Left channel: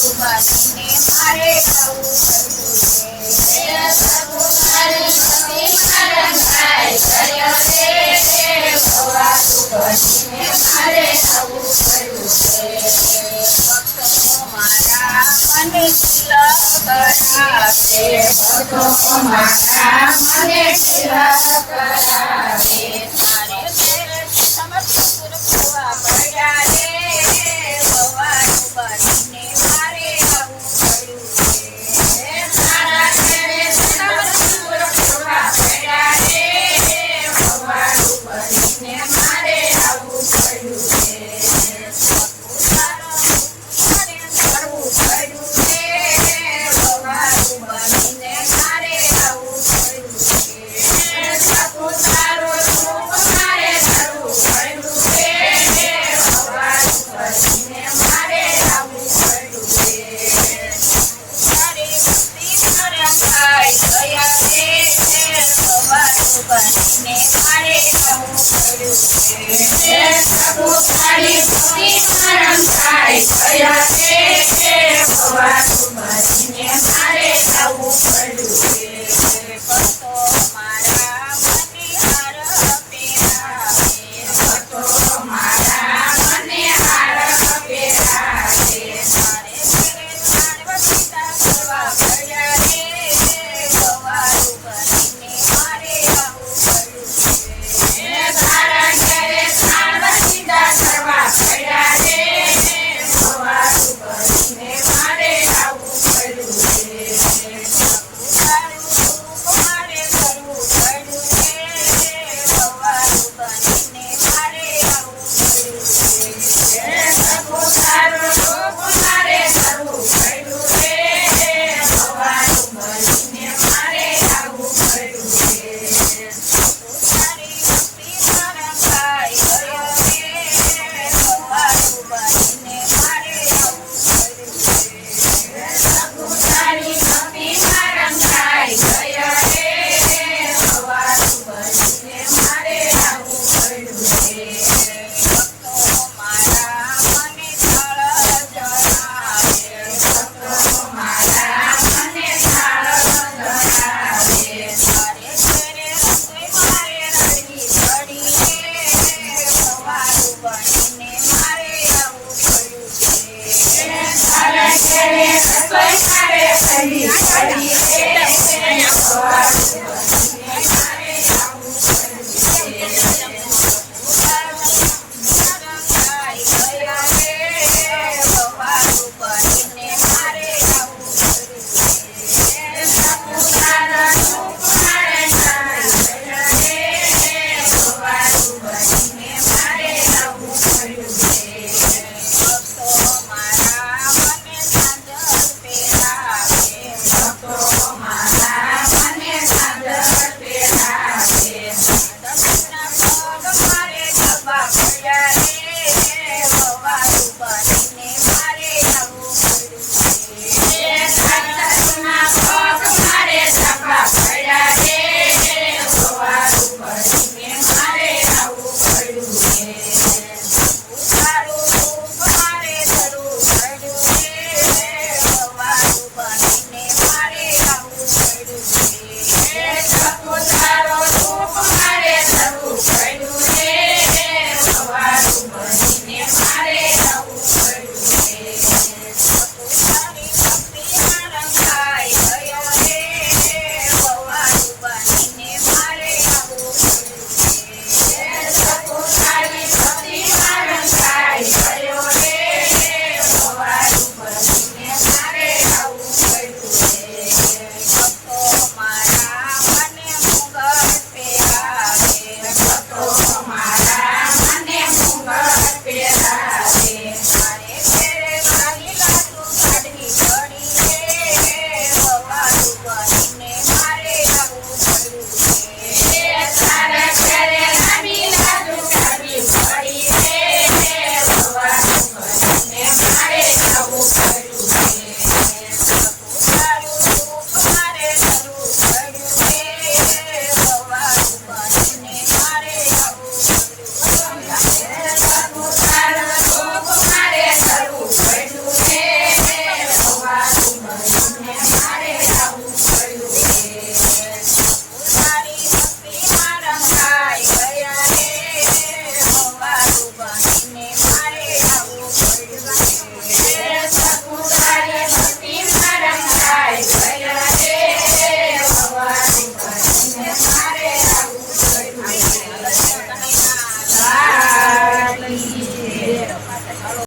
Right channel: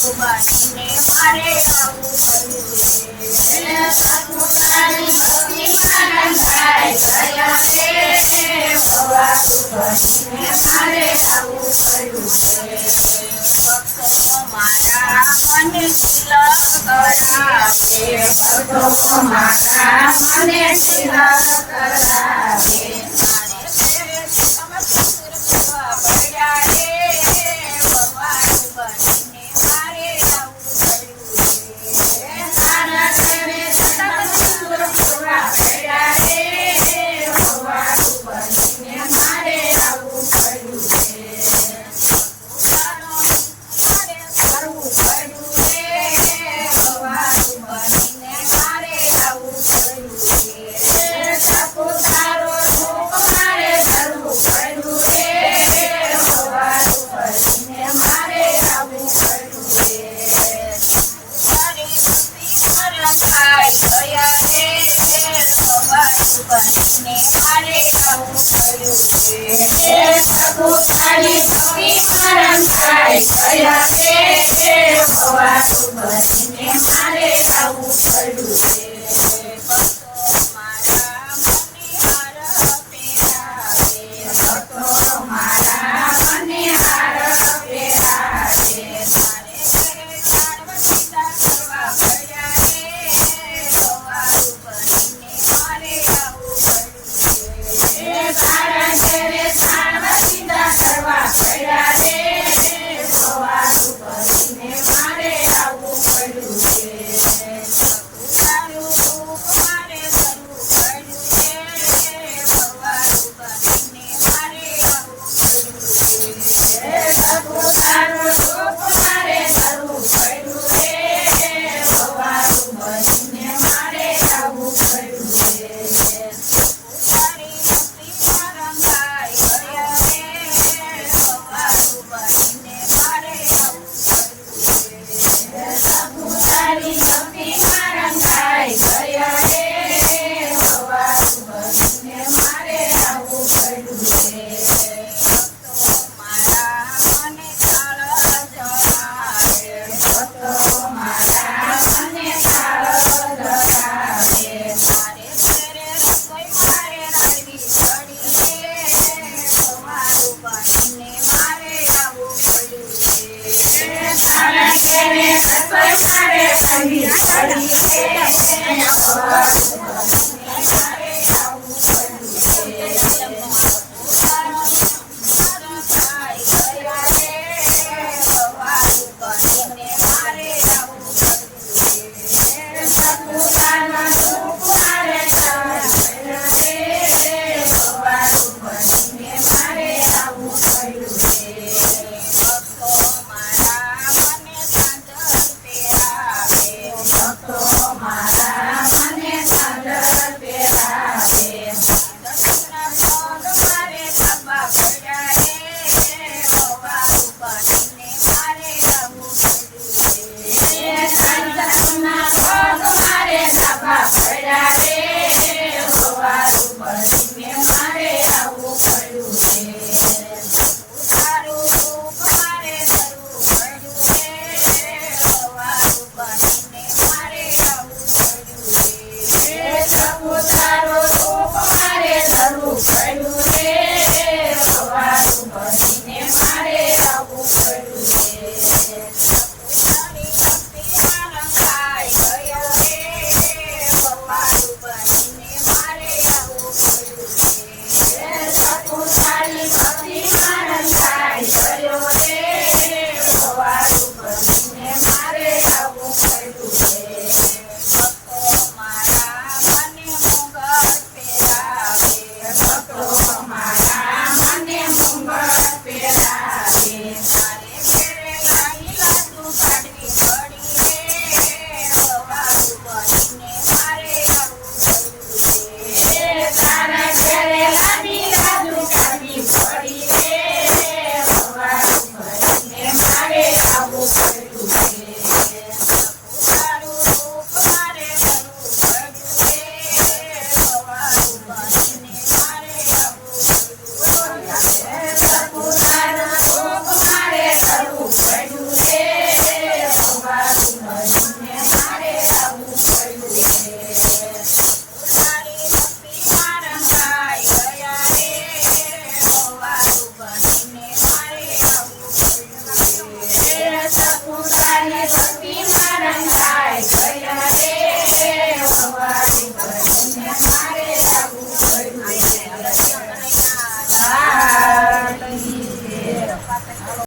तुम्हारी हमारे काबू कर लिए तुम्हारी कमी शरण आए दया तेरे भवा तुम्हारी हमारे काबू कर लिए तुम्हारा मन सिला करा भक्तों को मारा मन सिला करा મારે આવવું પડ્યું છે. તારા ઘરે